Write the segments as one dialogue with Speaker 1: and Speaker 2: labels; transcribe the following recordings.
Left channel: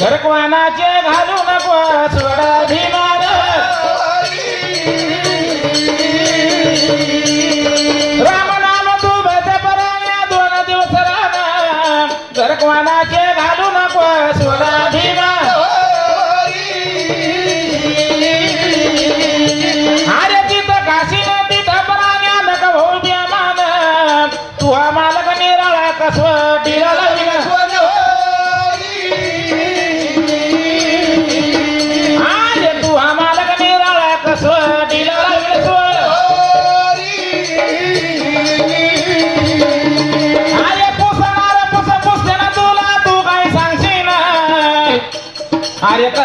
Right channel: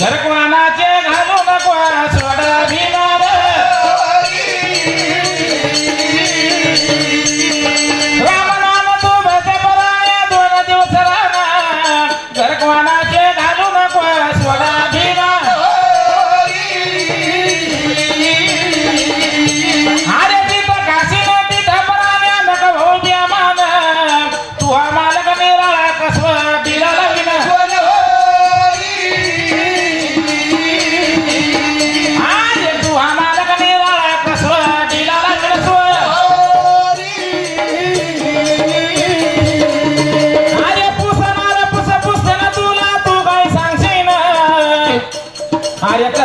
Speaker 1: घरकवानाचे घालू नको আর একটা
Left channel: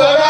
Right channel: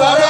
Speaker 2: That's all right.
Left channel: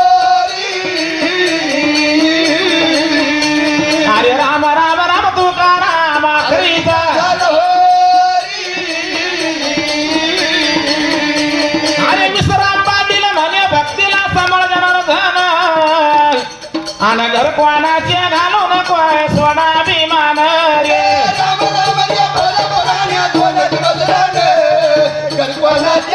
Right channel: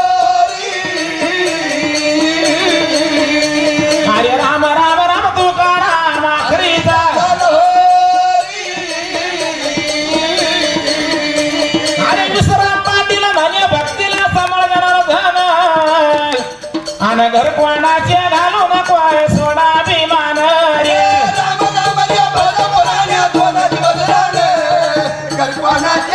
Speaker 2: Rahat